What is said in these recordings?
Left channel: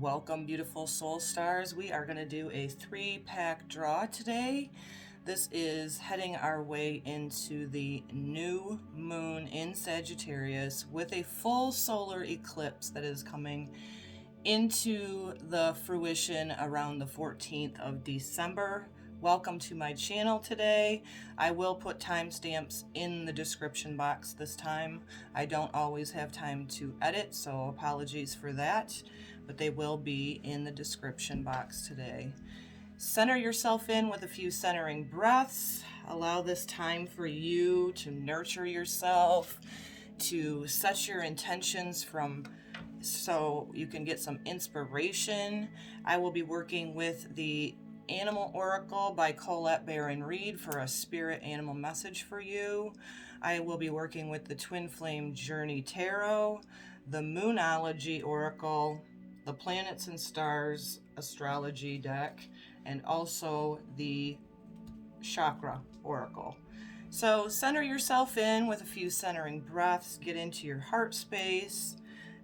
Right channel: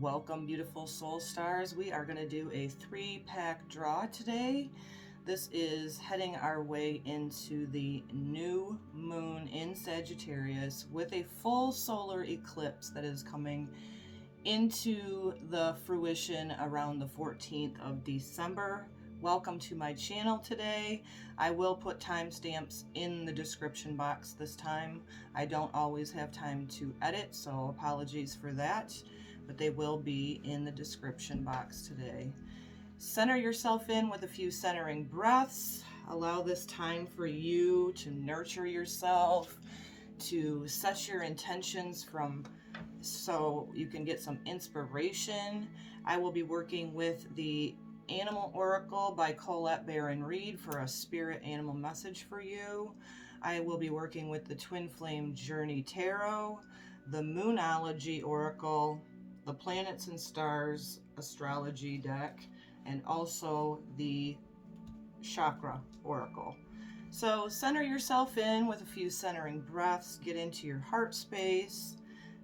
Welcome, beautiful soul stars. We are going to do a 3-pack draw today. This is heading our way into the new moon in Sagittarius with a full solar eclipse that is coming into the fruition around the 14th of December. Welcome to my channel today. I will put timestamps in the description box this time. I don't always have time to edit, so apologies for that, but they will be in the description box today. Center yourself in with a few centering breaths. Allow this time for you to nurture yourself, to set your intentions so you can get some inspiration. I will be working with the Animal Oracle by Colette Baron Reed for a spirit animal message for you. I will be working with the Twin Flame Journey Tarot, the Moonology Oracle, the Planets and Stars Astrology deck, and also the Chakra Oracle. So center yourself in with a few centering breaths, get into your heart space.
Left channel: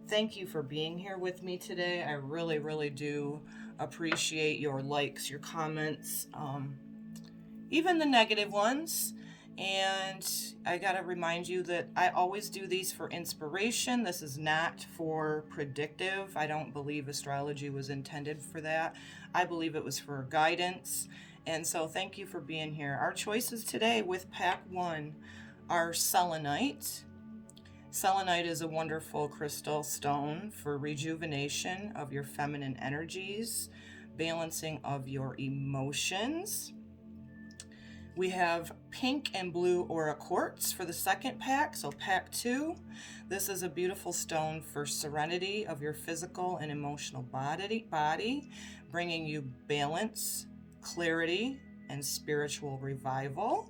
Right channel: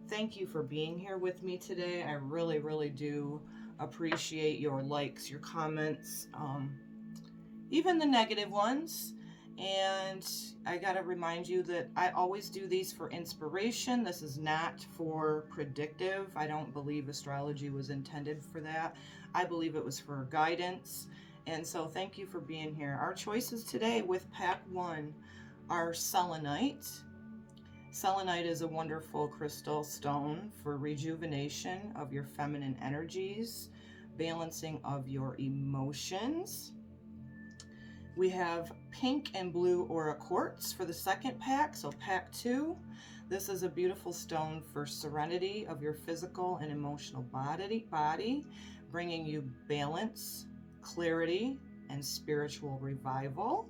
Thank you for being here with me today. I really, really do appreciate your likes, your comments, even the negative ones. And I gotta remind you that I always do these for inspiration. This is not for predictive. I don't believe astrology was intended for that. I believe it was for guidance. And so thank you for being here. Our choices today with pack 1 are selenite. Selenite is a wonderful crystal stone for rejuvenation of your feminine energies, balancing of your emotions. We have pink and blue aura quartz for the second pack, so pack 2. This is a beautiful stone for serenity of your physical and emotional body, bringing you balance, clarity, and spiritual revival.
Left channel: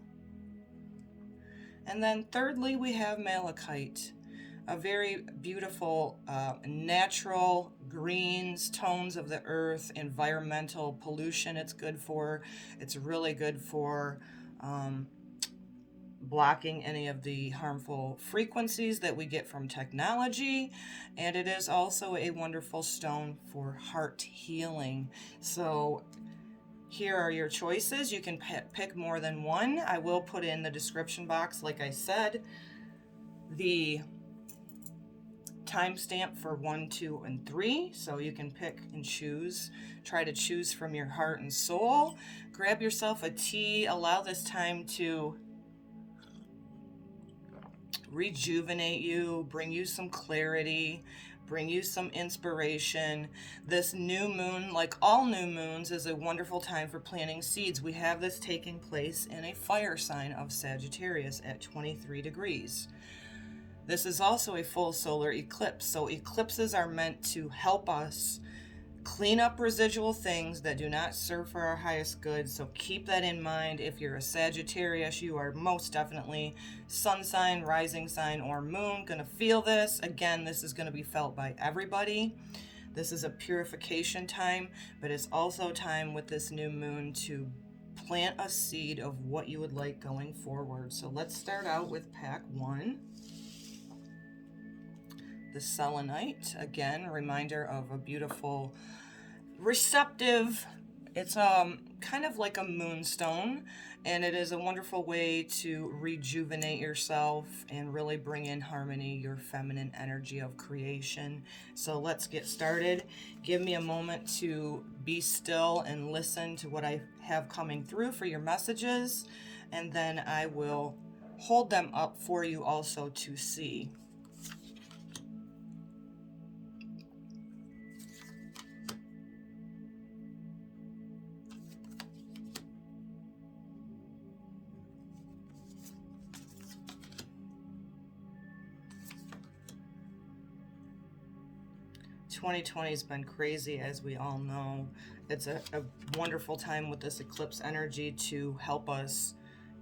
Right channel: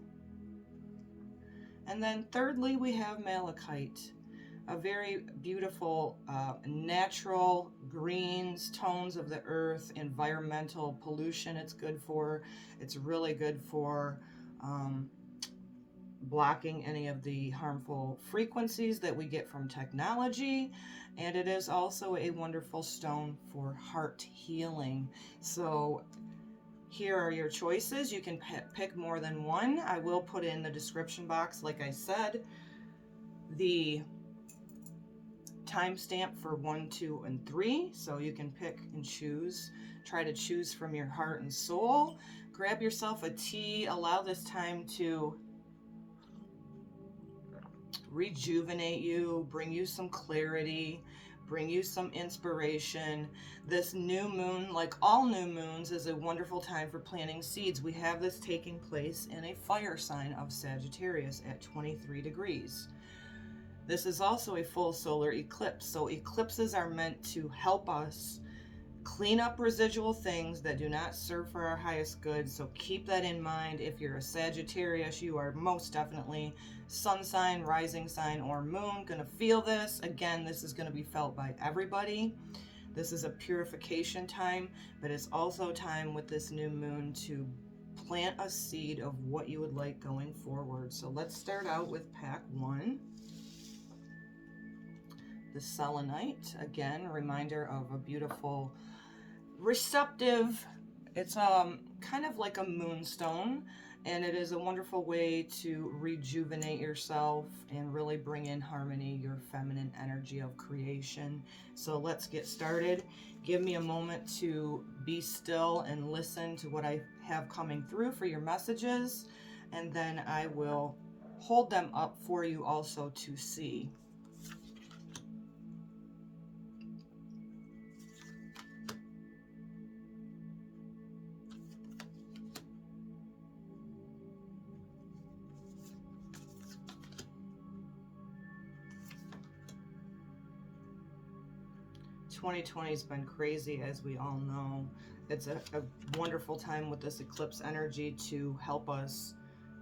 And then thirdly, we have malachite, a very beautiful natural greens, tones of the earth, environmental pollution it's good for. It's really good for blocking any of the harmful frequencies that we get from technology. And it is also a wonderful stone for heart healing. So here are your choices. You can pick more than one. I will put in the description box, like I said, the timestamp for 1, 2, and 3, so you can pick and choose. Try to choose from your heart and soul. Grab yourself a tea. Allow this time to rejuvenate you, bring you some clarity, bring you some inspiration. This new moon, like all new moons, is a wonderful time for planting seeds. We have this taking place in a fire sign of Sagittarius at 23 degrees. This is also a full solar eclipse, so eclipses are meant to help us clean up residual things that do not serve for our highest good. So keep that in mind. If you're a Sagittarius, you are most definitely sun sign, rising sign, or moon going to feel this. Again, this is going to be felt by everybody. This is a purification time, but it's also time with this new moon to plant a seed of what you would like going forward. So let's start out with pack 1. The selenite, again, a reminder of a beautiful, receptive, it's kind of like a moonstone, and it is a wonderful way to rejuvenate yourself and really bring in harmony, your feminine energy of creation. So let's get started. Give me a moment to be still and listen to what I have coming through for your messages, and then I will hold them up for you also to see. '2020 has been crazy, as we all know. It's a wonderful time with this eclipse energy to help us,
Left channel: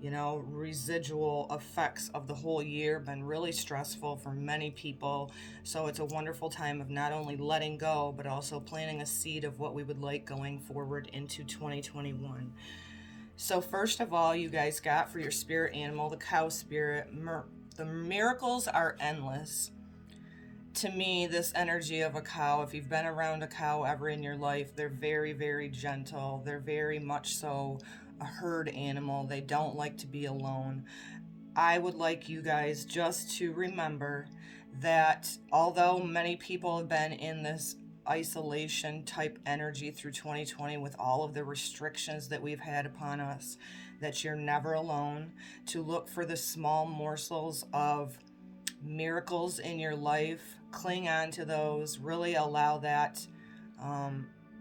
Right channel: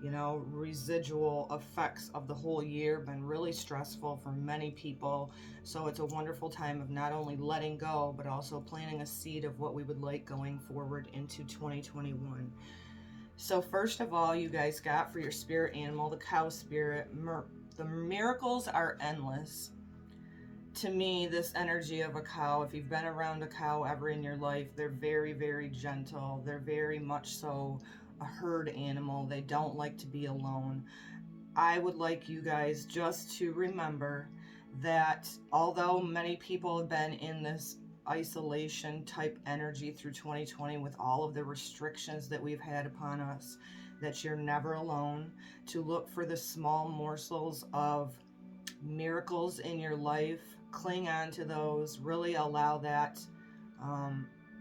residual effects of the whole year been really stressful for many people. So it's a wonderful time of not only letting go, but also planting a seed of what we would like going forward into 2021. So first of all, you guys got for your spirit animal, the cow spirit, the miracles are endless. to me, this energy of a cow, if you've been around a cow ever in your life, they're very, very gentle. They're very much so a herd animal. They don't like to be alone. I would like you guys just to remember that although many people have been in this isolation type energy through 2020 with all of the restrictions that we've had upon us, that you're never alone, to look for the small morsels of miracles in your life, cling on to those, really allow that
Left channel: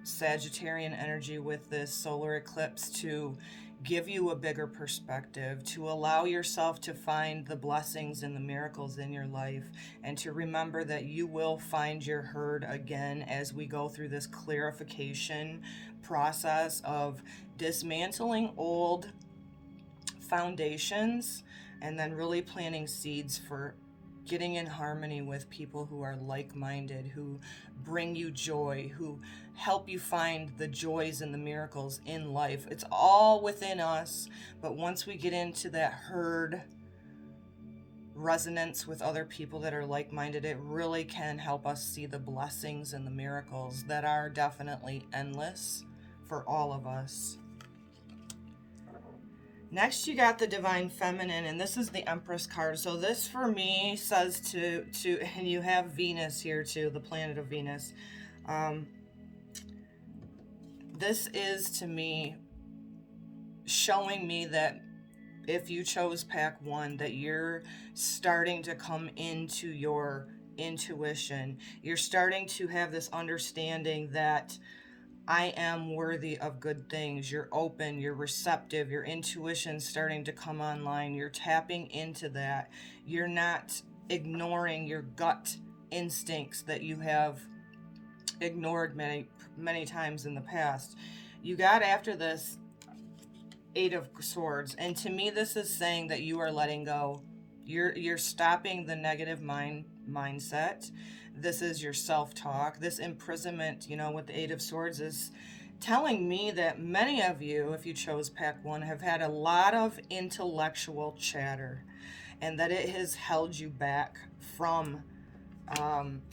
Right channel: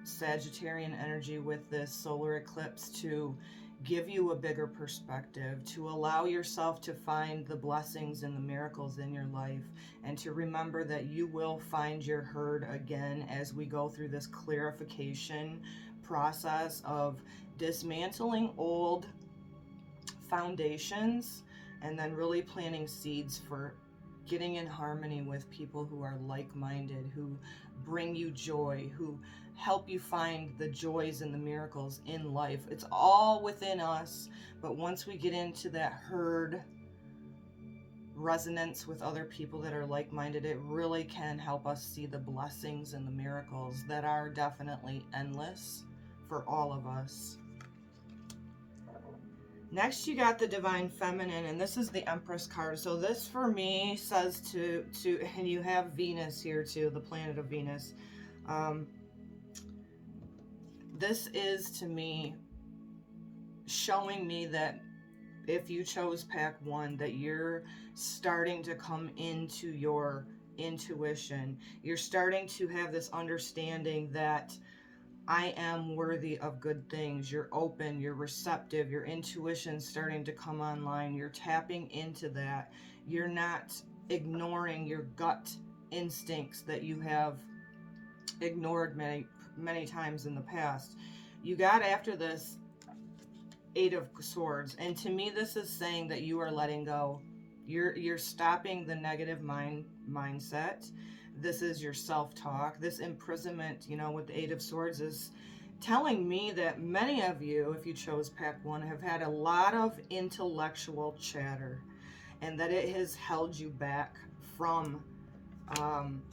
Sagittarian energy with this solar eclipse to give you a bigger perspective, to allow yourself to find the blessings and the miracles in your life, and to remember that you will find your herd again as we go through this clarification process of dismantling old foundations and then really planting seeds for getting in harmony with people who are like-minded, who bring you joy, who help you find the joys and the miracles in life. It's all within us, but once we get into that herd resonance with other people that are like-minded, it really can help us see the blessings and the miracles that are definitely endless for all of us. Next, you got the Divine Feminine, and this is the Empress card. So this, for me, says to and you have Venus here too, the planet of Venus. This is, to me, showing me that if you chose pack 1, that you're starting to come into your intuition. You're starting to have this understanding that I am worthy of good things. You're open, you're receptive, your intuition's starting to come online. You're tapping into that. You're not ignoring your gut instincts that you have ignored many times in the past. You got after this 8 of Swords, and to me this is saying that you are letting go. You're stopping the negative mindset. This is your self-talk. This imprisonment, with the 8 of Swords, is telling me that many of you, if you chose pack 1, have had a lot of intellectual chatter, and that it has held you back from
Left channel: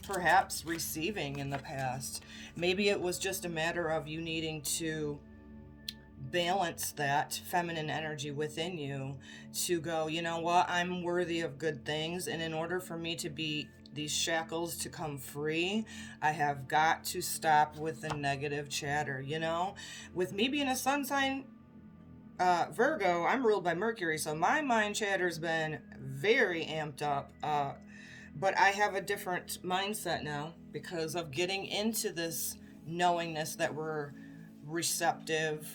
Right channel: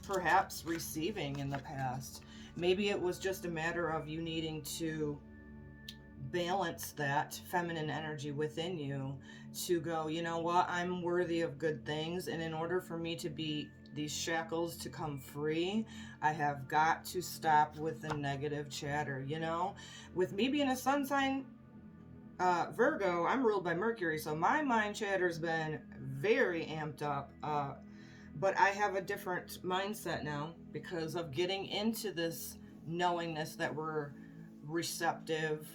perhaps receiving in the past. Maybe it was just a matter of you needing to balance that feminine energy within you to go, you know what, I'm worthy of good things, and in order for me to be these shackles to come free, I have got to stop with the negative chatter. With me being a sun sign Virgo, I'm ruled by Mercury, so my mind chatter's been very amped up, but I have a different mindset now because of getting into this knowingness that we're receptive,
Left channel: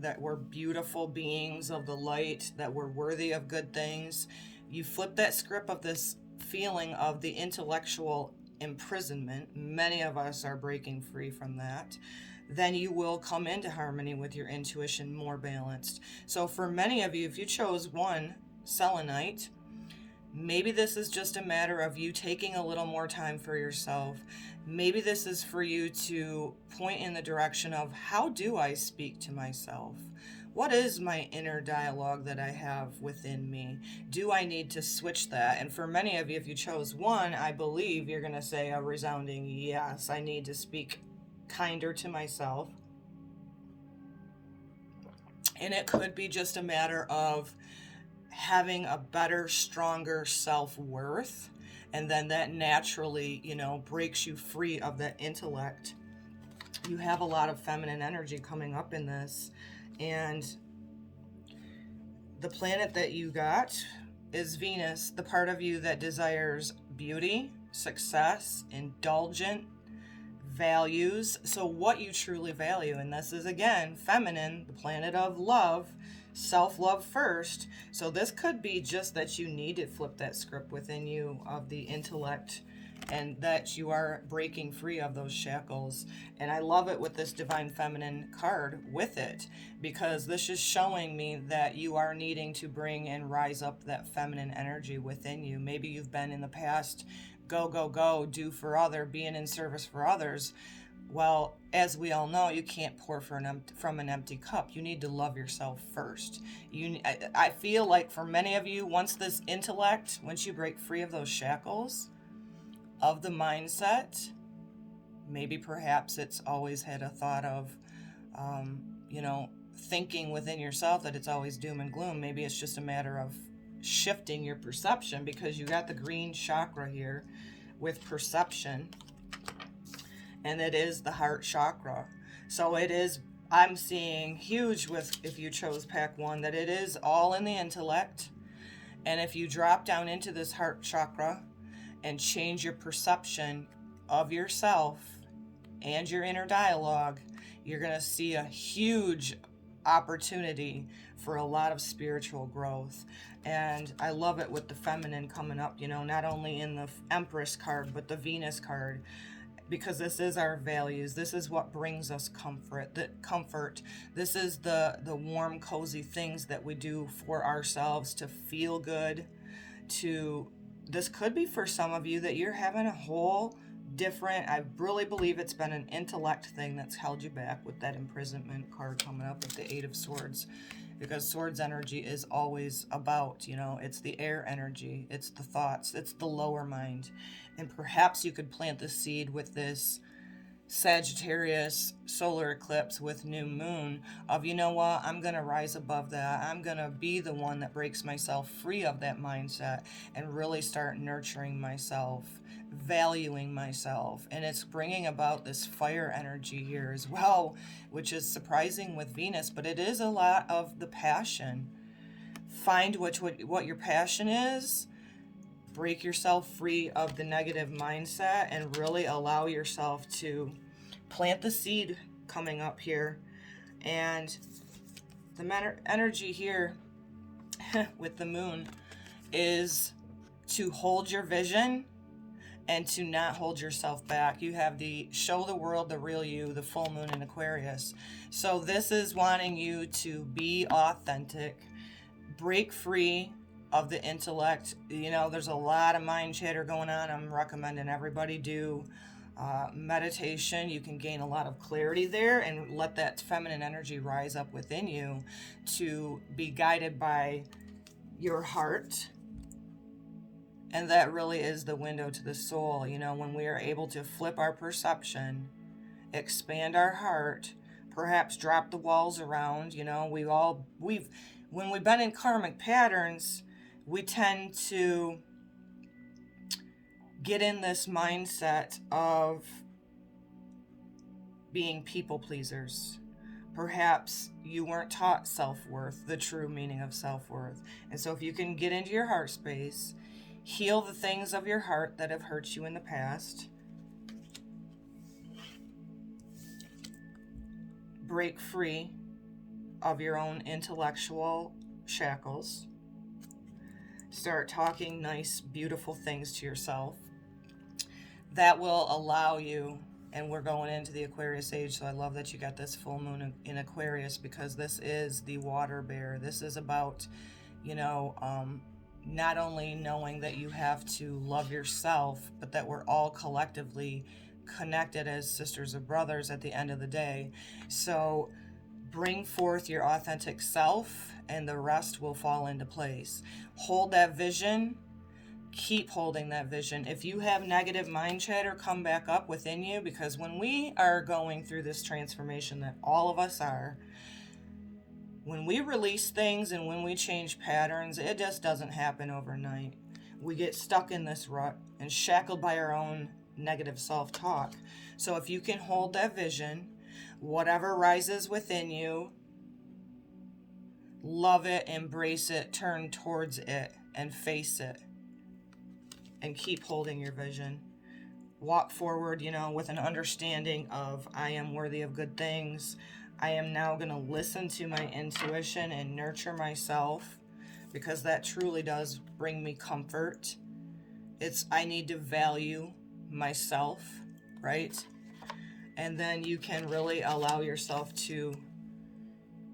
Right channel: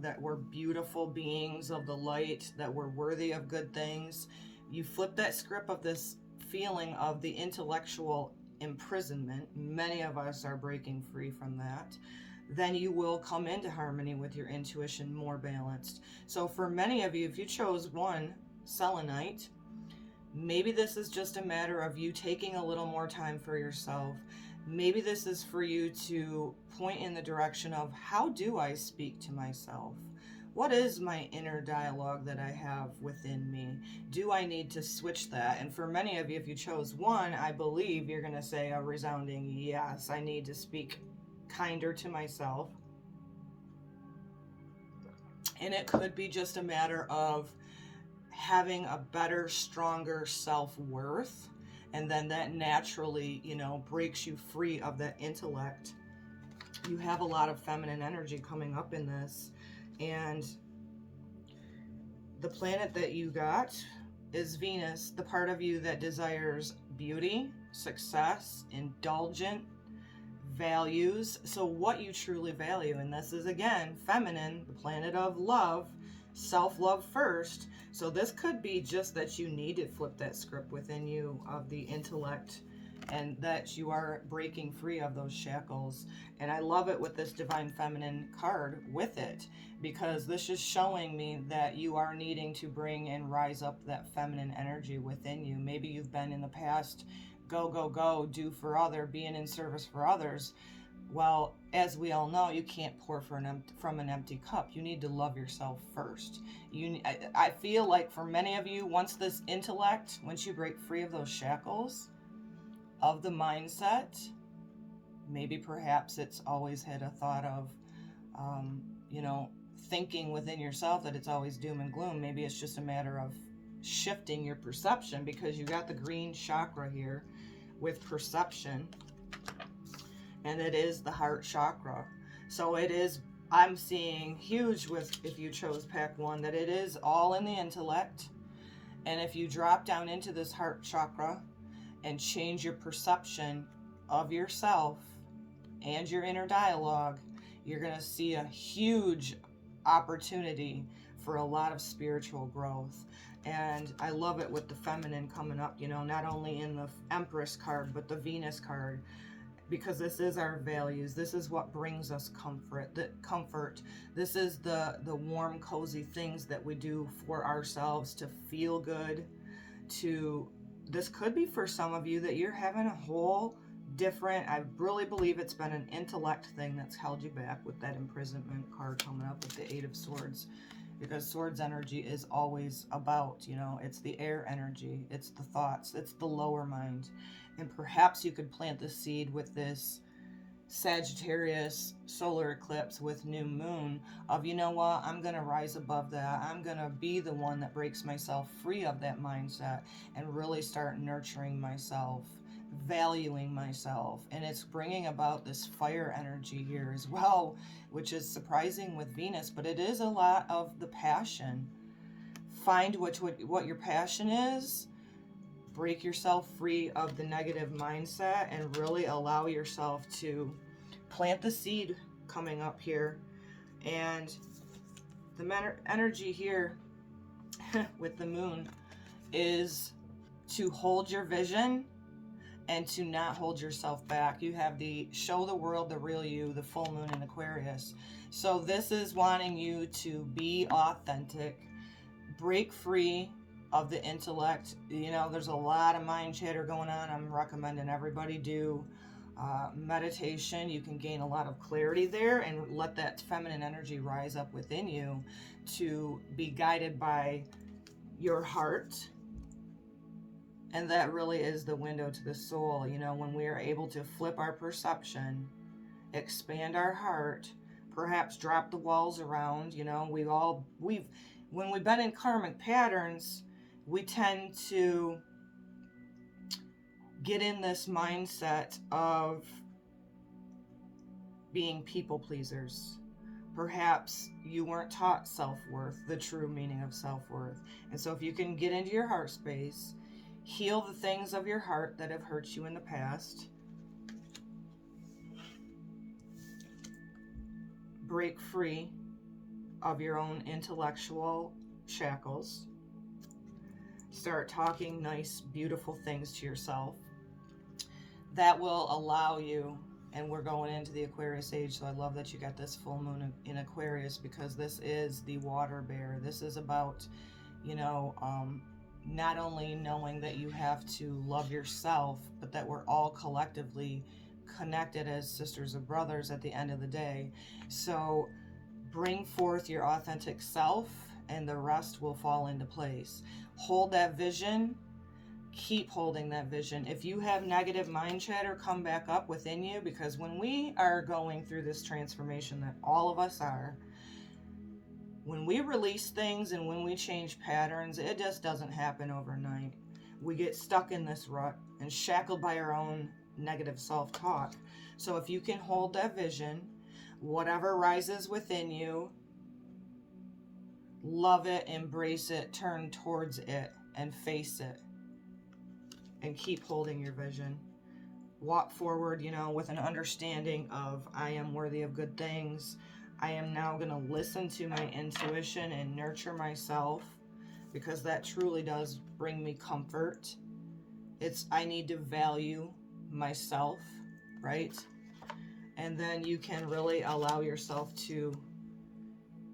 that we're beautiful beings of the light, that we're worthy of good things. You flip that script of this feeling of the intellectual imprisonment, many of us are breaking free from that, then you will come into harmony with your intuition, more balanced. So for many of you, if you chose 1, Selenite, maybe this is just a matter of you taking a little more time for yourself. Maybe this is for you to point in the direction of, how do I speak to myself? What is my inner dialogue that I have within me? Do I need to switch that? And for many of you, if you chose 1, I believe you're going to say a resounding yes. I need to speak kinder to myself. And it could be just a matter of having a better, stronger self-worth. And then that naturally, breaks you free of that intellect. You have a lot of feminine energy coming up in this. And the planet that you got is Venus, the part of you that desires beauty, success, indulgent values. So what you truly value, and this is again feminine, the planet of love, self-love first. So this could be just that you need to flip that script within you of the intellect, and that you are breaking free of those shackles. And I love it with this Divine Feminine card with it, because this is showing me that you are needing to bring and rise up that feminine energy within you. Maybe you've been in the past, go, do for other, being in service for others. Well, as we all know, you can't pour from an empty cup. You need to love yourself first. I feel like for many of you, once you break free of those shackles, of the mindset. Maybe perhaps it's always had a thought of, you know, thinking within yourself that it's always doom and gloom. Maybe it's just a matter of shifting your perception, because you got the green chakra here with perception, and it is the heart chakra. So it is, I'm seeing huge with, if you chose pack 1, that it is all in the intellect. And if you drop down into this heart chakra and change your perception of yourself and your inner dialogue, you're going to see a huge opportunity for a lot of spiritual growth. And I love it with the feminine coming up, you know, not only in the Empress card, but the Venus card, because this is our values. This is what brings us comfort. This is the warm, cozy things that we do for ourselves to feel good. This could be for some of you that you're having a whole different, I really believe it's been an intellect thing that's held you back with that imprisonment card coming up with the 8 of Swords. Because Swords energy is always about, you know, it's the air energy, it's the thoughts, it's the lower mind. And perhaps you could plant the seed with this Sagittarius solar eclipse with new moon of, you know what, I'm going to rise above that. I'm going to be the one that breaks myself free of that mindset and really start nurturing myself, valuing myself. And it's bringing about this fire energy here as well, which is surprising with Venus, but it is a lot of the passion. Find what your passion is. Break yourself free of the negative mindset and really allow yourself to plant the seed coming up here. And the energy here with the moon is to hold your vision and to not hold yourself back. You have the show the world the real you, the full moon in Aquarius. So this is wanting you to be authentic, break free of the intellect. You know, there's a lot of mind chatter going on. I'm recommending everybody do meditation. You can gain a lot of clarity there and let that feminine energy rise up within you to be guided by your heart. And that really is the window to the soul. You know, when we are able to flip our perception, expand our heart, perhaps drop the walls around. You know, when we've been in karmic patterns, we tend to get in this mindset of being people pleasers. Perhaps you weren't taught self-worth, the true meaning of self-worth. And so if you can get into your heart space, heal the things of your heart that have hurt you in the past, break free of your own intellectual shackles, start talking nice, beautiful things to yourself. That will allow you, and we're going into the Aquarius age, so I love that you got this full moon in Aquarius, because this is the water bear. This is about, you know, not only knowing that you have to love yourself, but that we're all collectively connected as sisters and brothers at the end of the day. So bring forth your authentic self and the rest will fall into place. Hold that vision. Keep holding that vision. If you have negative mind chatter, come back up within you, because when we are going through this transformation that all of us are, when we release things and when we change patterns, it just doesn't happen overnight. We get stuck in this rut and shackled by our own negative self-talk. So if you can hold that vision, whatever rises within you, love it, embrace it, turn towards it, and face it. And keep holding your vision. Walk forward, you know, with an understanding of, I am worthy of good things. I am now going to listen to my intuition and nurture myself, because that truly does bring me comfort. I need to value myself, right? And then you can really allow yourself to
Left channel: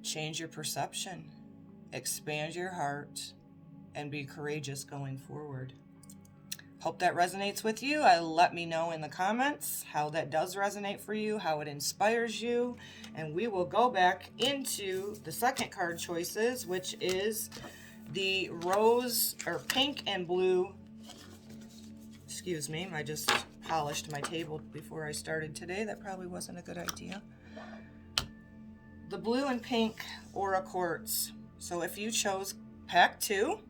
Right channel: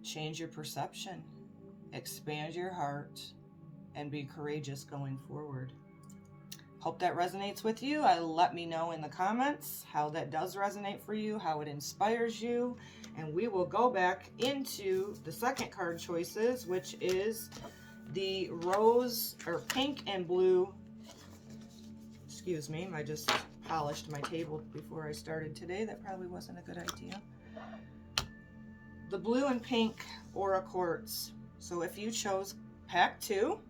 change your perception, expand your heart, and be courageous going forward. Hope that resonates with you. Let me know in the comments how that does resonate for you, how it inspires you. And we will go back into the second card choices, which is the rose or pink and blue Excuse me, I just polished my table before I started today. That probably wasn't a good idea. The blue and pink Aura Quartz. So if you chose Pack 2,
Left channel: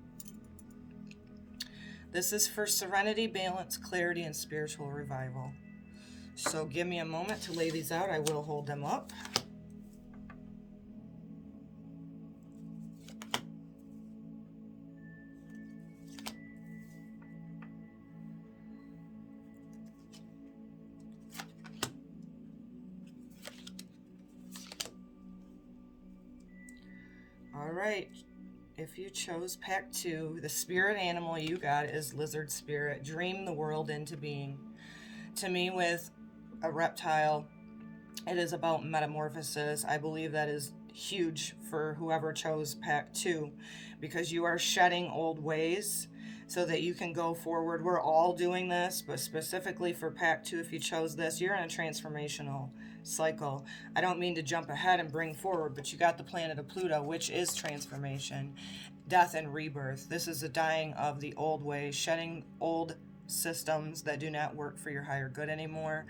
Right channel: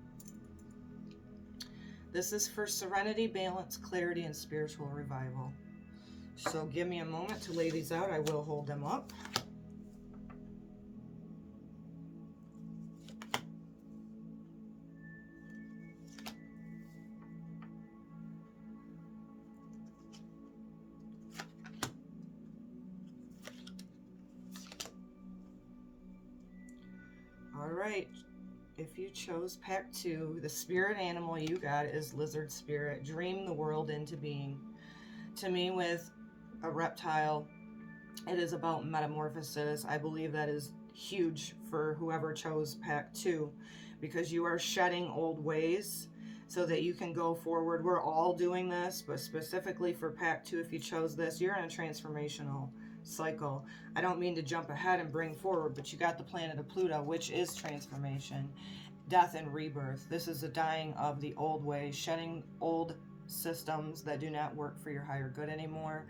this is for serenity, balance, clarity, and spiritual revival. So give me a moment to lay these out. I will hold them up. All right. If you chose Pack 2, the spirit animal you got is lizard spirit. Dream the world into being. To me, with a reptile, it is about metamorphosis. I believe that is huge for whoever chose Pack 2, because you are shedding old ways so that you can go forward. We're all doing this, but specifically for Pack 2, if you chose this, you're in a transformational cycle. I don't mean to jump ahead and bring forward, but you got the planet of Pluto, which is transformation, death, and rebirth. This is a dying of the old ways, shedding old systems that do not work for your higher good anymore.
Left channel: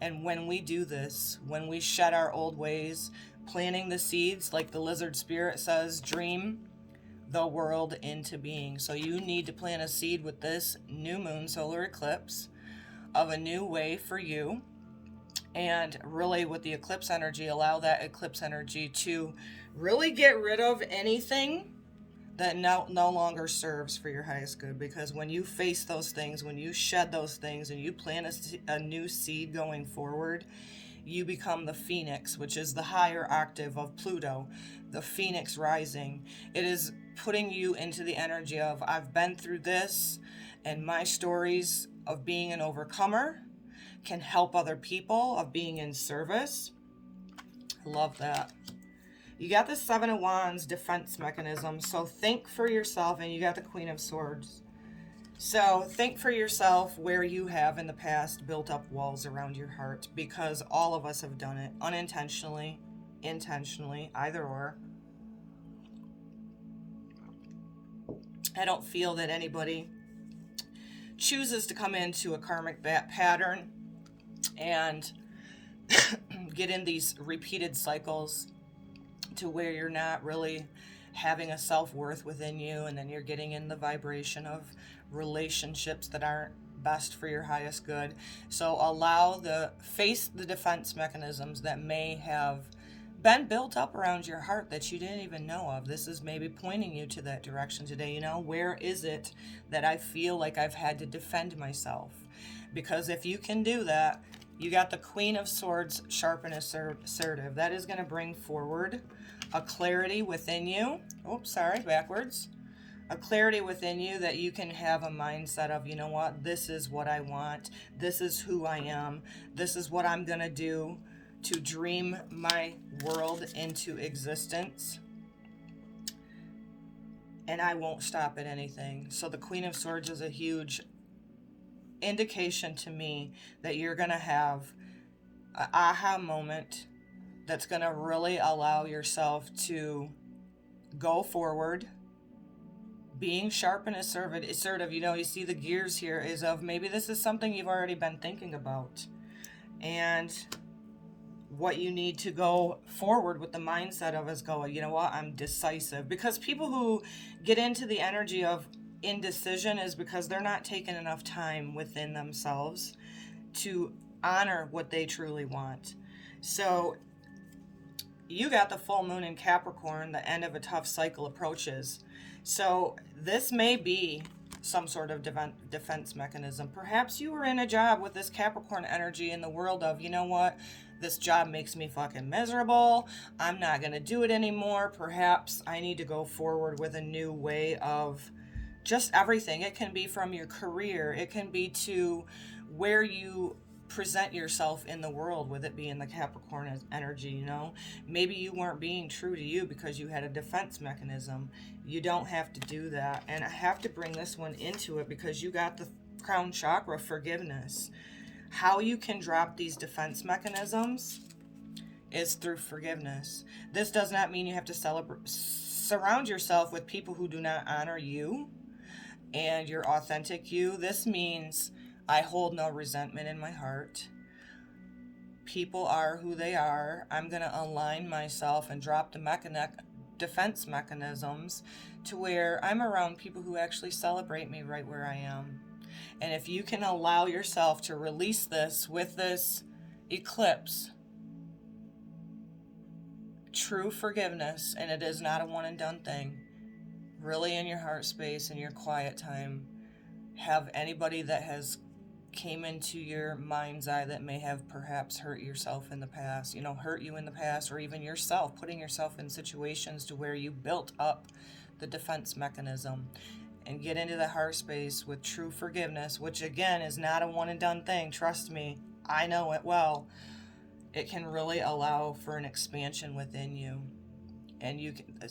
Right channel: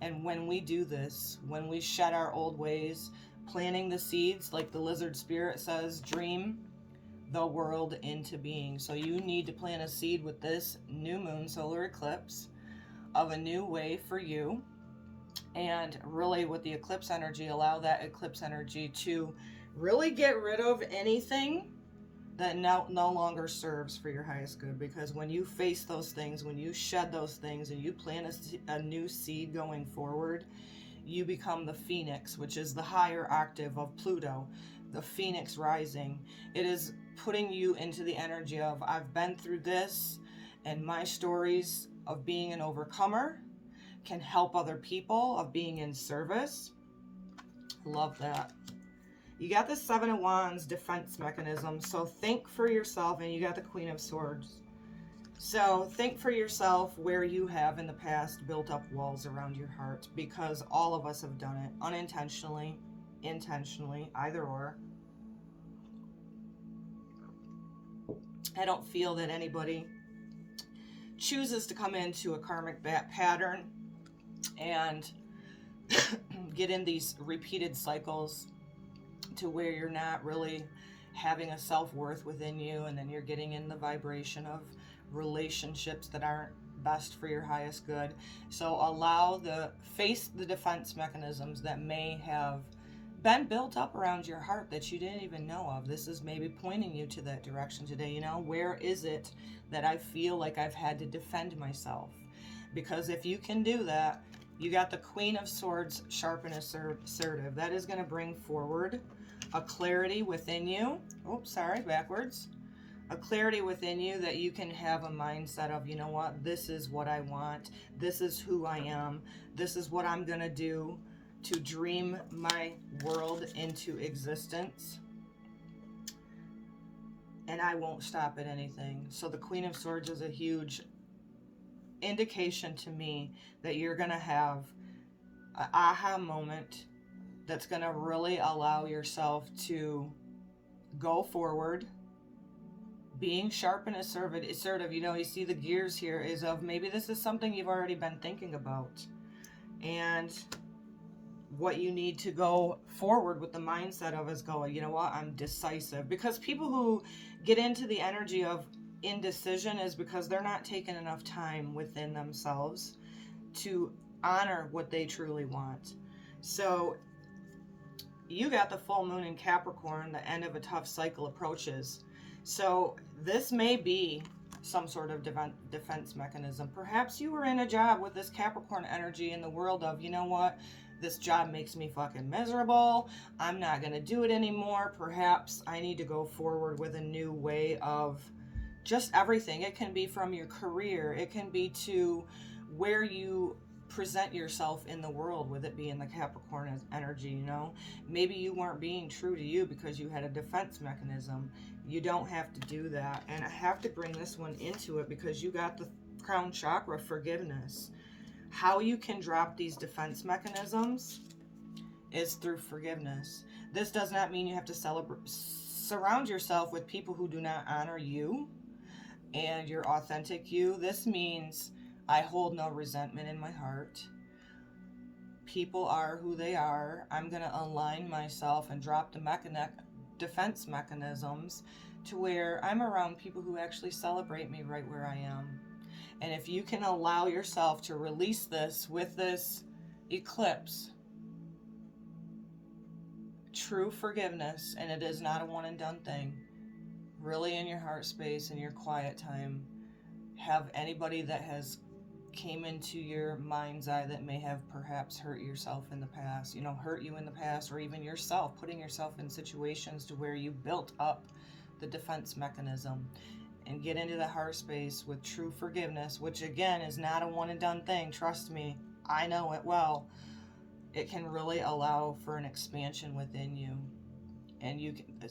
And when we do this, when we shed our old ways, planting the seeds, like the lizard spirit says, dream the world into being. So you need to plant a seed with this new moon solar eclipse of a new way for you. And really, with the eclipse energy, allow that eclipse energy to really get rid of anything that no longer serves for your highest good. Because when you face those things, when you shed those things, and you plant a new seed going forward, you become the phoenix, which is the higher octave of Pluto, the phoenix rising. It is putting you into the energy of, I've been through this, and my stories of being an overcomer can help other people, of being in service. Love that. You got the Seven of Wands defense mechanism. So think for yourself, and you got the Queen of Swords. So think for yourself where you have in the past built up walls around your heart, because all of us have done it, unintentionally, intentionally, either or. I don't feel that anybody chooses to come into a karmic pattern and get in these repeated cycles to where you're not really having a self-worth within you, and then you're getting in the vibration of relationships that aren't best for your highest good. So face the defense mechanisms that may have been built up around your heart that you didn't even know of. This is maybe pointing you to that direction today. Where is it that I feel like I've had to defend myself? Because if you can do that, you got the Queen of Swords, sharp and assertive. That is going to bring forward a clarity within you. Oops, sorry, backwards. A clarity within you that you can have a mindset of, you know what, this is what I want. This is who I am. This is what I'm going to do to dream my world into existence. And I won't stop at anything. So the Queen of Swords is a huge indication to me that you're going to have an aha moment that's going to really allow yourself to go forward, being sharp and assertive. You see the gears here is of, maybe this is something you've already been thinking about, and what you need to go forward with the mindset of is go, you know what, I'm decisive. Because people who get into the energy of indecision is because they're not taking enough time within themselves to honor what they truly want. So you got the full moon in Capricorn, the end of a tough cycle approaches. So this may be some sort of defense mechanism. Perhaps you were in a job with this Capricorn energy in the world of, you know what, this job makes me fucking miserable. I'm not going to do it anymore. Perhaps I need to go forward with a new way of just everything. It can be from your career. It can be to where you present yourself in the world, with it being the Capricorn energy. Maybe you weren't being true to you because you had a defense mechanism. You don't have to do that. And I have to bring this one into it because you got the crown chakra, forgiveness. How you can drop these defense mechanisms is through forgiveness. This does not mean you have to surround yourself with people who do not honor you and your authentic you. This means I hold no resentment in my heart. People are who they are. I'm going to align myself and drop the defense mechanisms to where I'm around people who actually celebrate me right where I am. And if you can allow yourself to release this with this eclipse, true forgiveness, and it is not a one and done thing, really in your heart space, in your quiet time, have anybody that has came into your mind's eye that may have perhaps hurt yourself in the past, hurt you in the past, or even yourself, putting yourself in situations to where you built up the defense mechanism, and get into the heart space with true forgiveness, which again is not a one and done thing. Trust me, I know it well. It can really allow for an expansion within you. And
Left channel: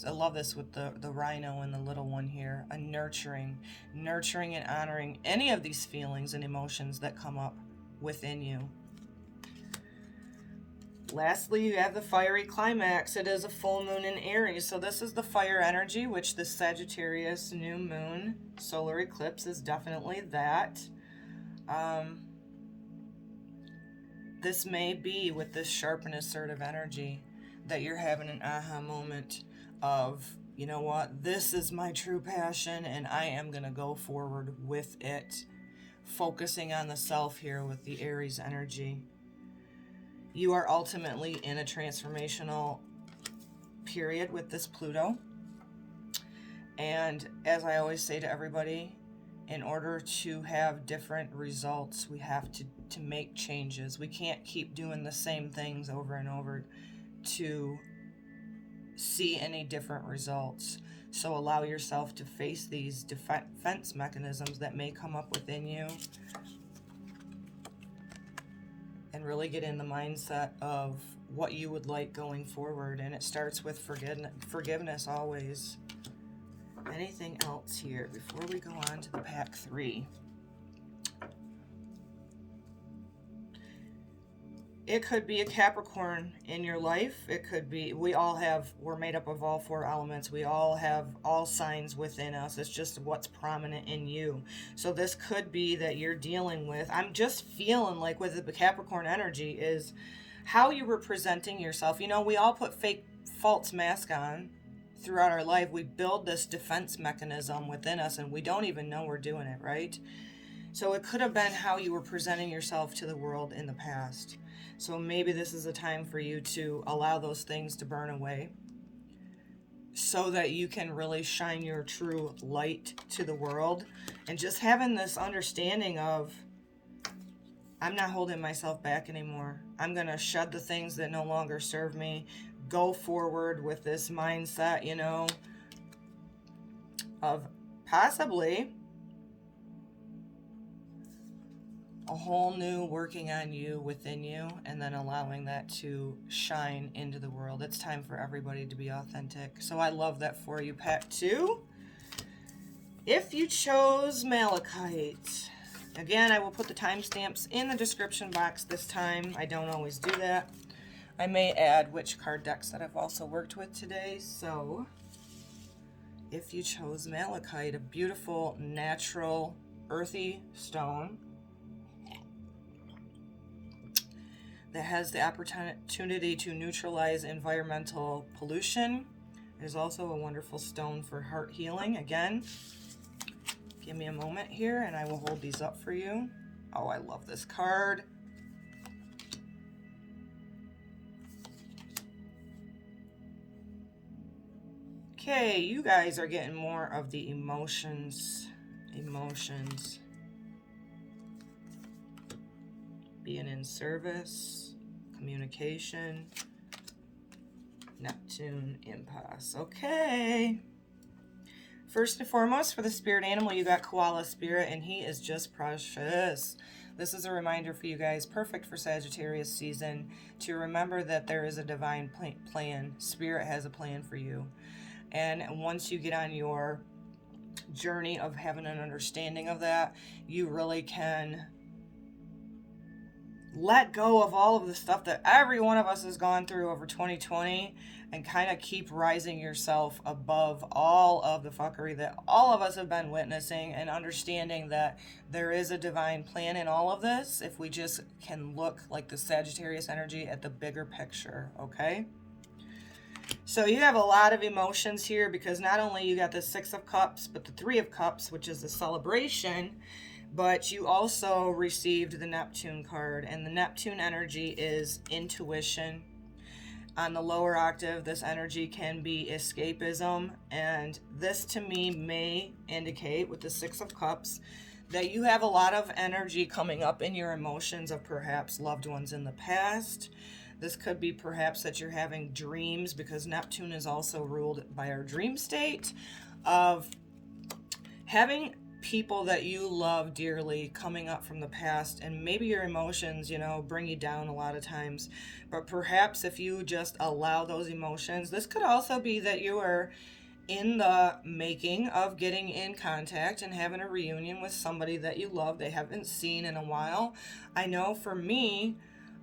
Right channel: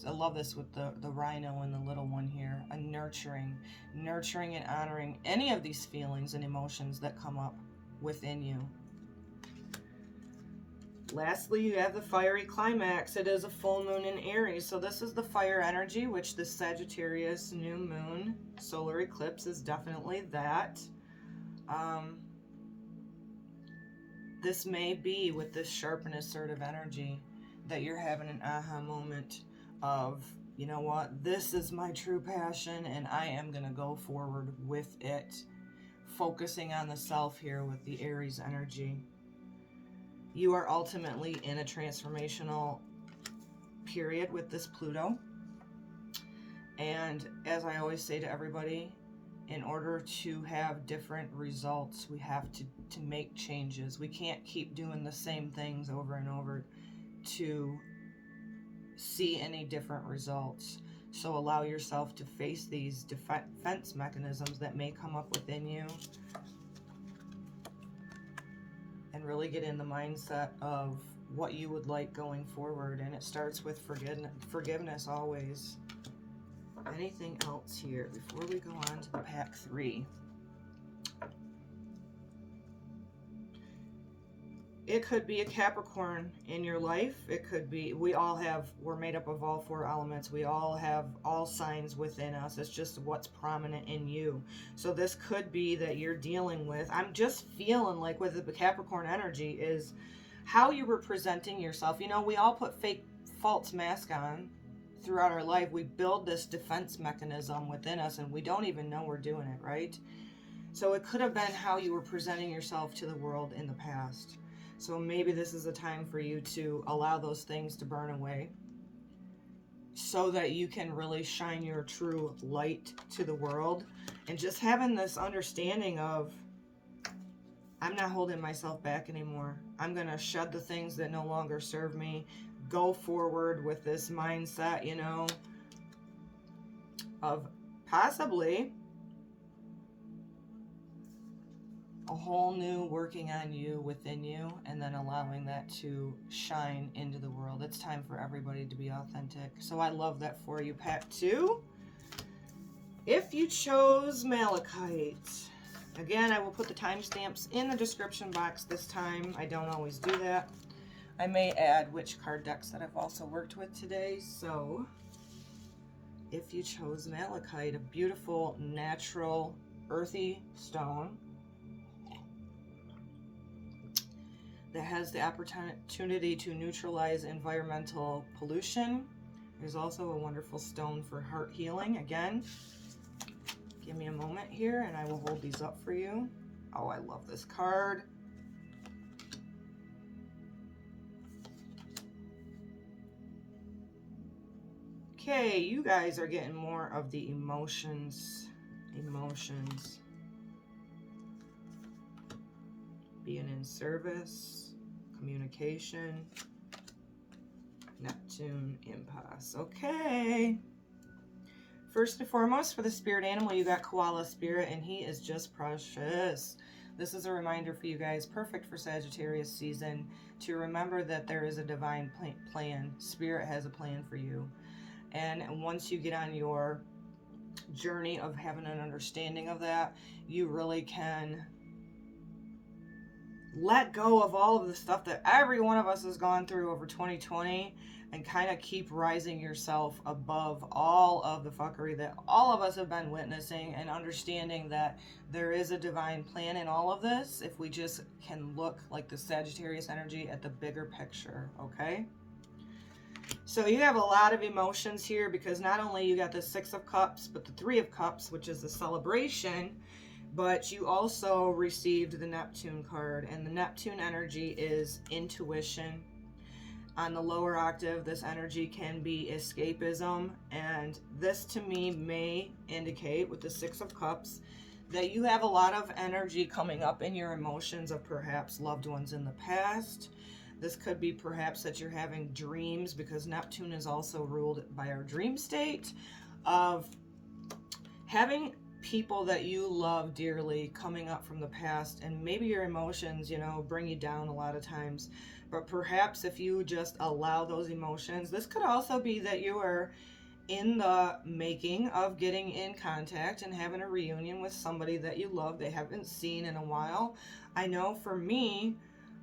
I love this with the rhino and the little one here, a nurturing and honoring any of these feelings and emotions that come up within you. Lastly, you have the fiery climax. It is a full moon in Aries. So this is the fire energy, which the Sagittarius new moon solar eclipse is definitely that. This may be with this sharp and assertive energy that you're having an aha moment of, you know what, this is my true passion and I am going to go forward with it. Focusing on the self here with the Aries energy. You are ultimately in a transformational period with this Pluto. And as I always say to everybody, in order to have different results, we have to make changes. We can't keep doing the same things over and over to see any different results. So allow yourself to face these defense mechanisms that may come up within you and really get in the mindset of what you would like going forward. And it starts with forgiveness always. Anything else here before we go on to the pack 3? It could be a Capricorn in your life. It could be, we're made up of all 4 elements. We all have all signs within us. It's just what's prominent in you. So this could be that you're dealing with, I'm just feeling like with the Capricorn energy is how you were presenting yourself. We all put fake false mask on throughout our life. We build this defense mechanism within us and we don't even know we're doing it, right? So it could have been how you were presenting yourself to the world in the past. So maybe this is a time for you to allow those things to burn away so that you can really shine your true light to the world. And just having this understanding of, I'm not holding myself back anymore. I'm going to shed the things that no longer serve me. Go forward with this mindset, of possibly a whole new working on you within you, and then allowing that to shine into the world. It's time for everybody to be authentic. So I love that for you, pack 2. If you chose Malachite, again, I will put the timestamps in the description box this time. I don't always do that. I may add which card decks that I've also worked with today. So if you chose Malachite, a beautiful, natural, earthy stone that has the opportunity to neutralize environmental pollution. It is also a wonderful stone for heart healing. Again, give me a moment here and I will hold these up for you. Oh, I love this card. Okay, you guys are getting more of the emotions. Being in service, communication, Neptune, impasse. Okay. First and foremost, for the spirit animal, you got koala spirit, and he is just precious. This is a reminder for you guys, perfect for Sagittarius season, to remember that there is a divine plan. Spirit has a plan for you. And once you get on your journey of having an understanding of that, you really can let go of all of the stuff that every one of us has gone through over 2020 and kind of keep rising yourself above all of the fuckery that all of us have been witnessing, and understanding that there is a divine plan in all of this if we just can look like the Sagittarius energy at the bigger picture, okay? So you have a lot of emotions here, because not only you got the Six of Cups, but the Three of Cups, which is the celebration, but you also received the Neptune card, and the Neptune energy is intuition. On the lower octave, this energy can be escapism, and this to me may indicate, with the Six of Cups, that you have a lot of energy coming up in your emotions of perhaps loved ones in the past. This could be perhaps that you're having dreams, because Neptune is also ruled by our dream state, of having people that you love dearly coming up from the past, and maybe your emotions, bring you down a lot of times. But perhaps if you just allow those emotions, this could also be that you are in the making of getting in contact and having a reunion with somebody that you love, they haven't seen in a while. I know for me,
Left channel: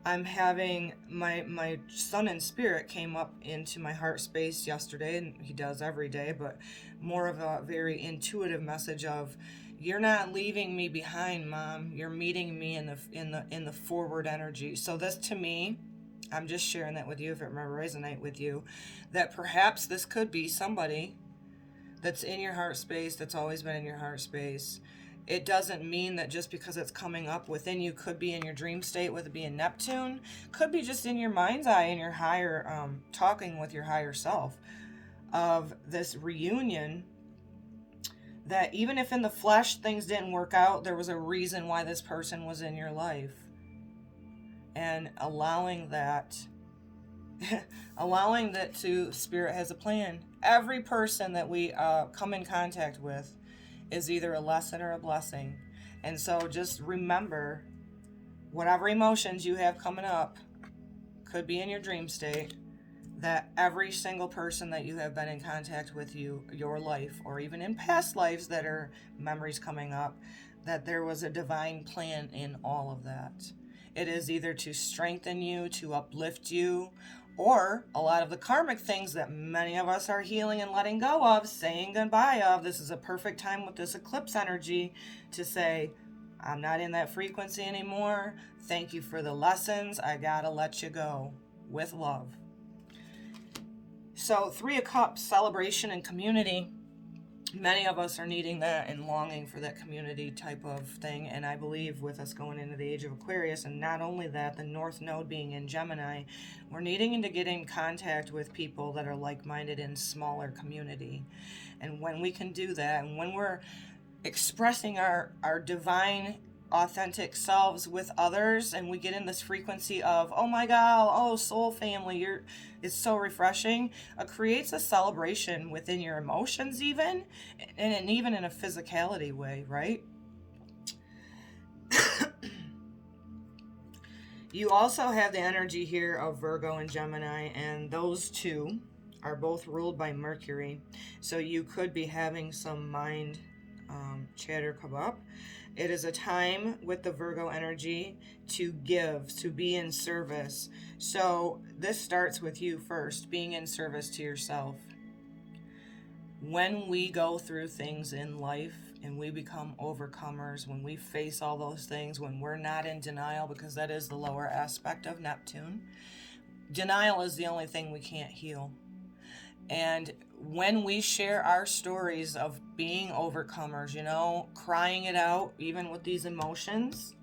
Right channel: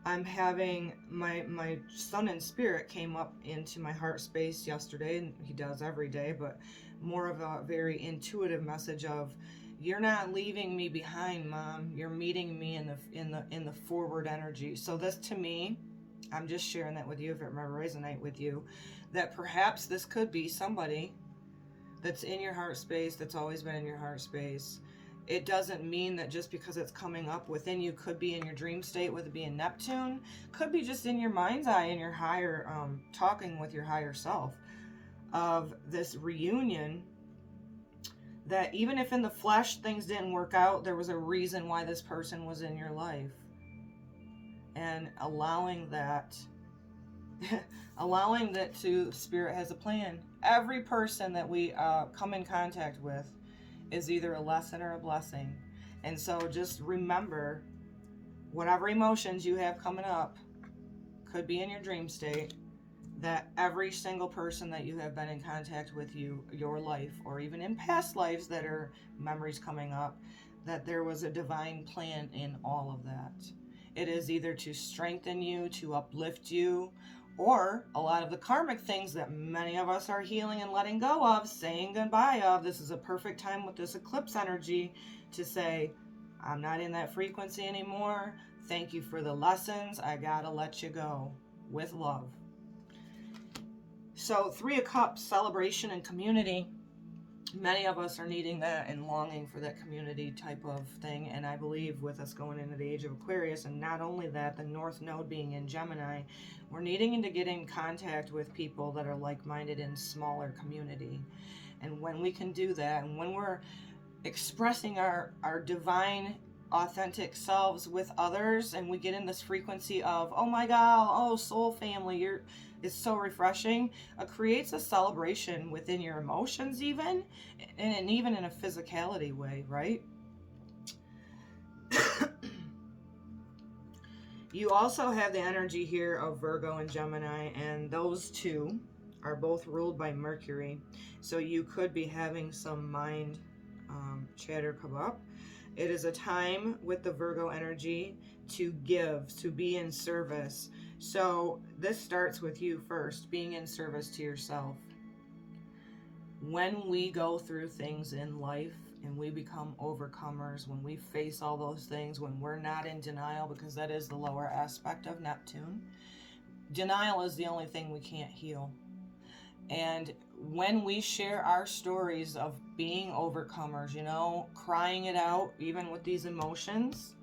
I'm having my son in spirit came up into my heart space yesterday, and he does every day, but more of a very intuitive message of, you're not leaving me behind, Mom. You're meeting me in the forward energy. So this, to me, I'm just sharing that with you if it might resonate with you, that perhaps this could be somebody that's in your heart space, that's always been in your heart space. It doesn't mean that just because it's coming up within you, could be in your dream state with it being Neptune, could be just in your mind's eye, in your higher, talking with your higher self, of this reunion, that even if in the flesh things didn't work out, there was a reason why this person was in your life. And allowing that to Spirit has a plan. Every person that we come in contact with is either a lesson or a blessing. And so just remember, whatever emotions you have coming up, could be in your dream state, that every single person that you have been in contact with, your life, or even in past lives that are memories coming up, that there was a divine plan in all of that. It is either to strengthen you, to uplift you, or a lot of the karmic things that many of us are healing and letting go of, saying goodbye of. This is a perfect time with this eclipse energy to say, I'm not in that frequency anymore. Thank you for the lessons. I gotta let you go, with love. So Three of Cups, celebration and community. Many of us are needing that and longing for that community type of thing. And I believe with us going into the age of Aquarius, and not only that, the North Node being in Gemini, we're needing to get in contact with people that are like-minded in smaller community. And when we can do that, and when we're expressing our divine, authentic selves with others, and we get in this frequency of, oh my God, oh soul family, it's so refreshing. It creates a celebration within your emotions, even, and even in a physicality way, right? You also have the energy here of Virgo and Gemini, and those two are both ruled by Mercury. So you could be having some mind chatter come up. It is a time with the Virgo energy to give, to be in service. So this starts with you first, being in service to yourself. When we go through things in life and we become overcomers, when we face all those things, when we're not in denial, because that is the lower aspect of Neptune. Denial is the only thing we can't heal. And when we share our stories of being overcomers, crying it out, even with these emotions,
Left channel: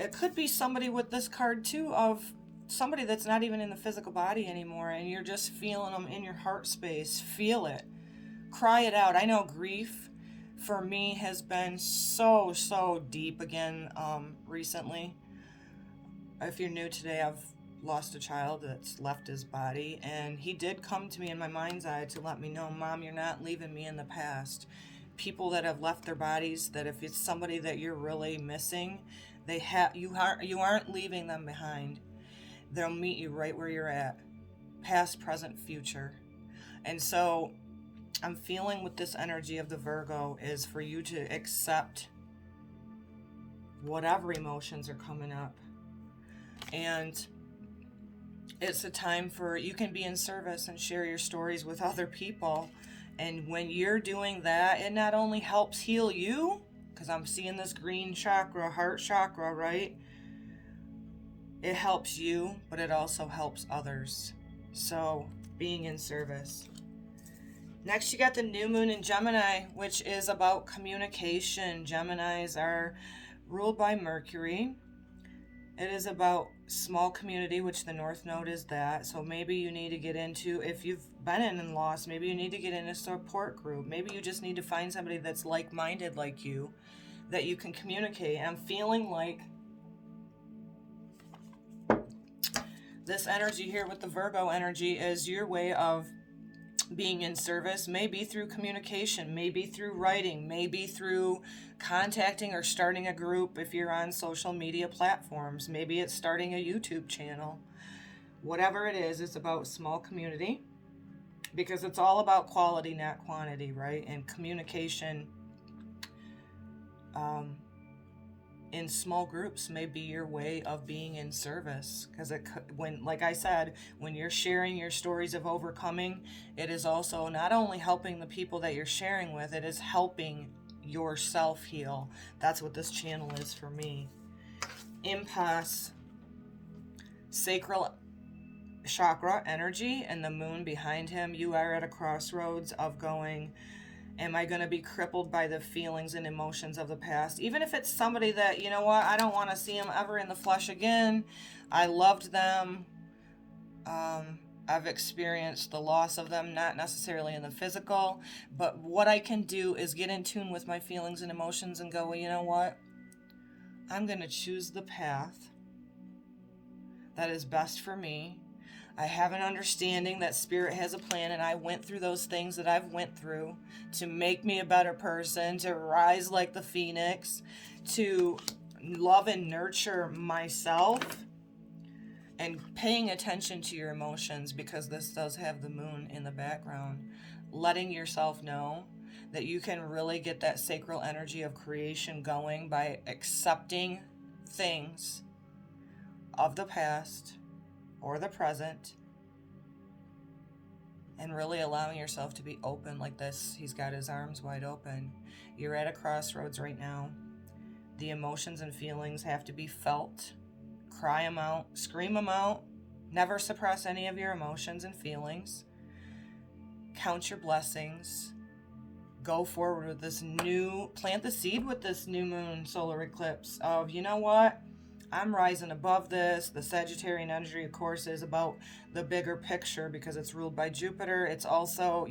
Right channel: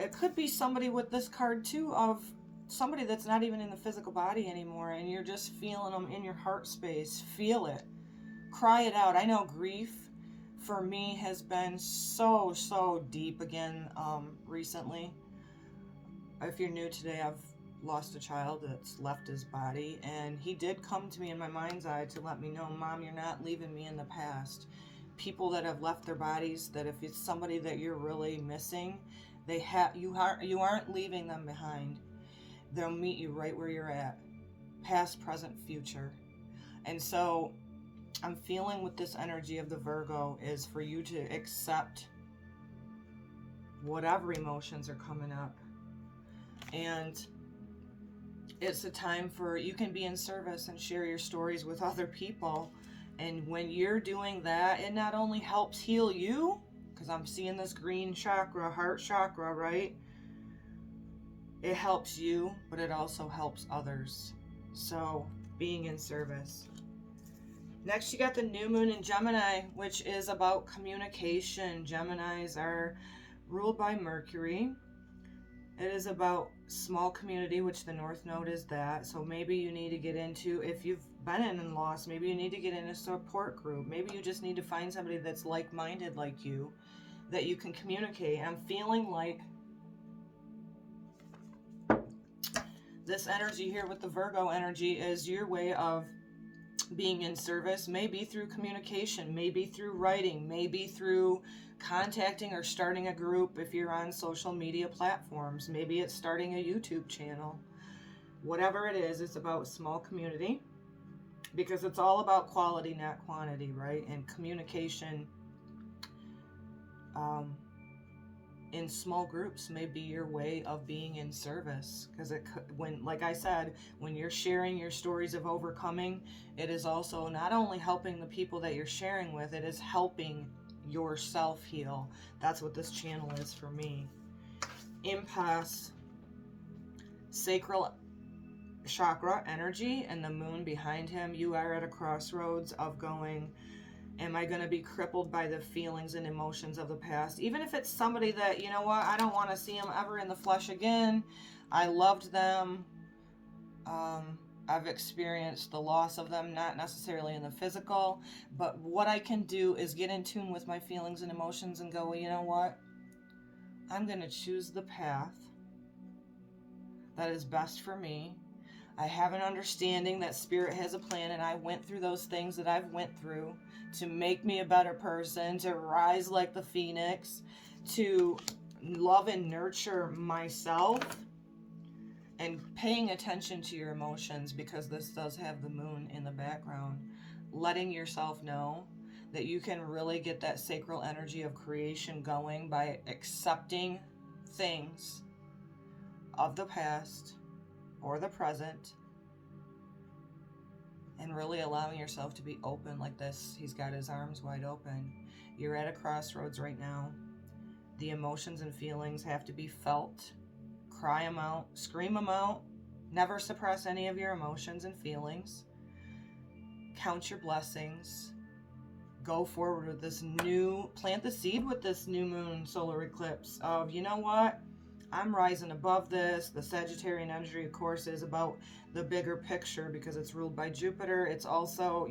it could be somebody with this card too, of somebody that's not even in the physical body anymore, and you're just feeling them in your heart space. Feel it. Cry it out. I know grief for me has been so deep again recently. If you're new today, I've lost a child that's left his body, and he did come to me in my mind's eye to let me know, Mom, you're not leaving me in the past. People that have left their bodies, that if it's somebody that you're really missing, you aren't leaving them behind. They'll meet you right where you're at, past, present, future. And so I'm feeling with this energy of the Virgo is for you to accept whatever emotions are coming up. And it's a time for you can be in service and share your stories with other people. And when you're doing that, it not only helps heal you, because I'm seeing this green chakra, heart chakra, right? It helps you, but it also helps others. So, being in service. Next, you got the new moon in Gemini, which is about communication. Geminis are ruled by Mercury. It is about small community, which the North Node is that. So maybe you need to get into, if you've been in loss, maybe you need to get in a support group. Maybe you just need to find somebody that's like-minded like you, that you can communicate. I'm feeling like this energy here with the Virgo energy is your way of being in service, maybe through communication, maybe through writing, maybe through contacting or starting a group if you're on social media platforms. Maybe it's starting a YouTube channel. Whatever it is, it's about small community, because it's all about quality, not quantity, right? And communication in small groups may be your way of being in service, because when, like I said, when you're sharing your stories of overcoming, it is also not only helping the people that you're sharing with, it is helping yourself heal. That's what this channel is for me. Impasse, sacral chakra energy, and the moon behind him. You are at a crossroads of going, am I going to be crippled by the feelings and emotions of the past? Even if it's somebody that, you know what, I don't want to see them ever in the flesh again. I loved them. I've experienced the loss of them, not necessarily in the physical, but what I can do is get in tune with my feelings and emotions and go, well, you know what? I'm going to choose the path that is best for me. I have an understanding that Spirit has a plan, and I went through those things that I've went through to make me a better person, to rise like the phoenix, to love and nurture myself, and paying attention to your emotions, because this does have the moon in the background. Letting yourself know that you can really get that sacral energy of creation going by accepting things of the past or the present, and really allowing yourself to be open like this. He's got his arms wide open. You're at a crossroads right now. The emotions and feelings have to be felt. Cry them out, scream them out. Never suppress any of your emotions and feelings. Count your blessings. Go forward with this plant the seed with this new moon solar eclipse of, you know what? I'm rising above this. The Sagittarian energy, of course, is about the bigger picture because it's ruled by Jupiter. It's also,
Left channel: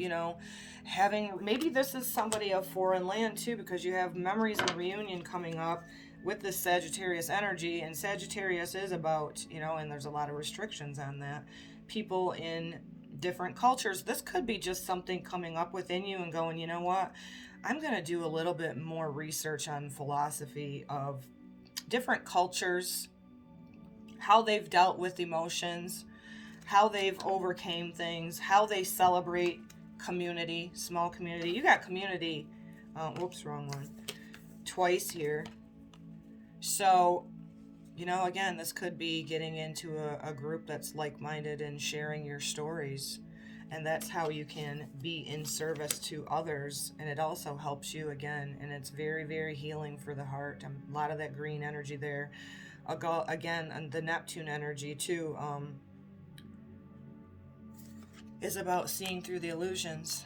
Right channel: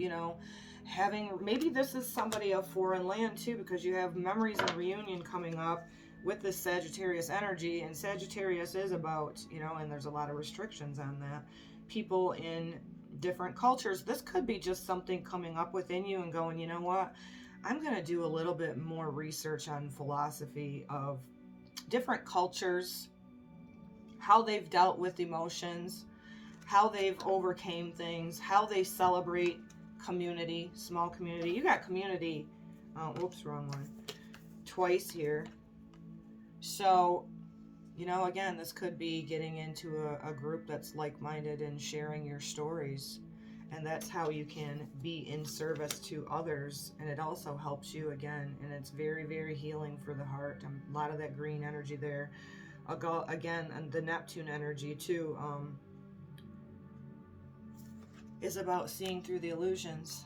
maybe this is somebody of foreign land too, because you have memories and reunion coming up with this Sagittarius energy. And Sagittarius is about, and there's a lot of restrictions on that, people in different cultures. This could be just something coming up within you and going, you know what? I'm going to do a little bit more research on philosophy of different cultures, how they've dealt with emotions, how they've overcame things, how they celebrate community, small community. You got community, wrong one, twice here. So, again, this could be getting into a group that's like-minded and sharing your stories. And that's how you can be in service to others. And it also helps you again. And it's very, very healing for the heart. A lot of that green energy there. Again, and the Neptune energy too is about seeing through the illusions.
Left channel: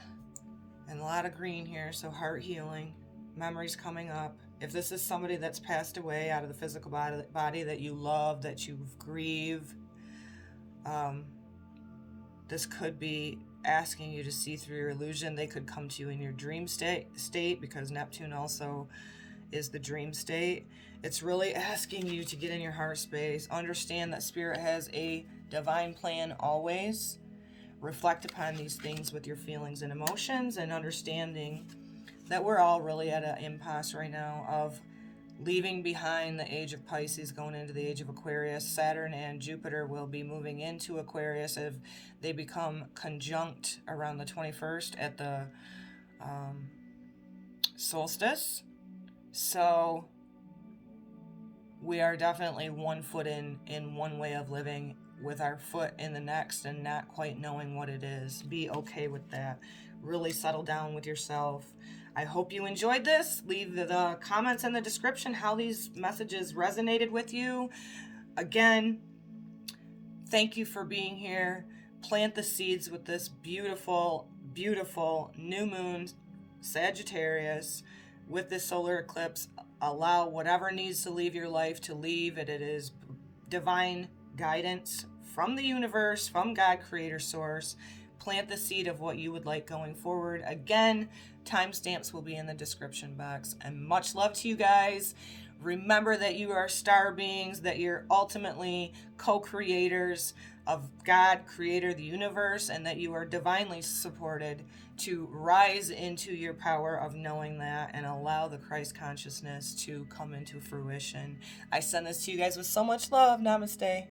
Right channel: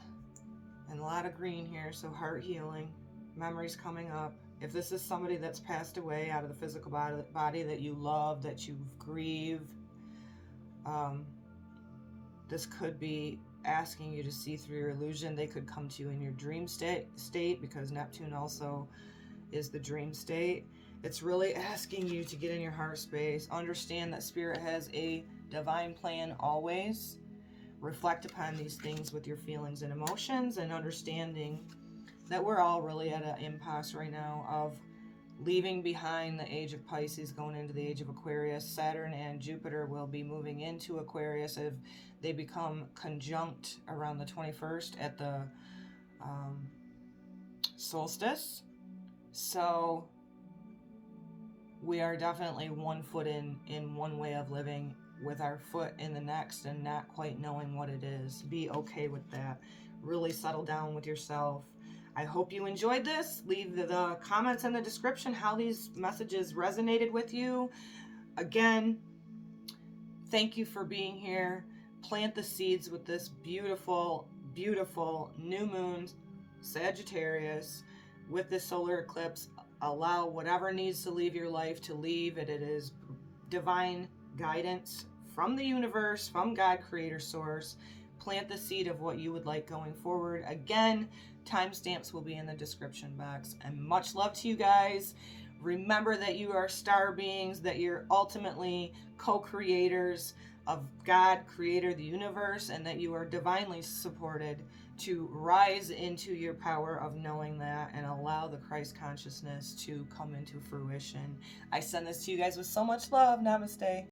And a lot of green here. So heart healing, memories coming up. If this is somebody that's passed away out of the physical body that you love, that you grieve, this could be asking you to see through your illusion. They could come to you in your dream state because Neptune also is the dream state. It's really asking you to get in your heart space, understand that Spirit has a divine plan always. Reflect upon these things with your feelings and emotions, and understanding that we're all really at an impasse right now of leaving behind the age of Pisces, going into the age of Aquarius. Saturn and Jupiter will be moving into Aquarius if they become conjunct around the 21st at the solstice. So we are definitely one foot in one way of living with our foot in the next and not quite knowing what it is. Be okay with that. Really settle down with yourself. I hope you enjoyed this. Leave the comments in the description how these messages resonated with you. Again, thank you for being here. Plant the seeds with this beautiful, beautiful new moon, Sagittarius, with this solar eclipse. Allow whatever needs to leave your life to leave. It is divine guidance from the universe, from God, creator, source. Plant the seed of what you would like going forward. Again, timestamps will be in the description box. And much love to you guys. Remember that you are star beings, that you're ultimately co-creators of God, creator, the universe, and that you are divinely supported to rise into your power of knowing that and allow the Christ consciousness to come into fruition. I send this to you guys with so much love. Namaste.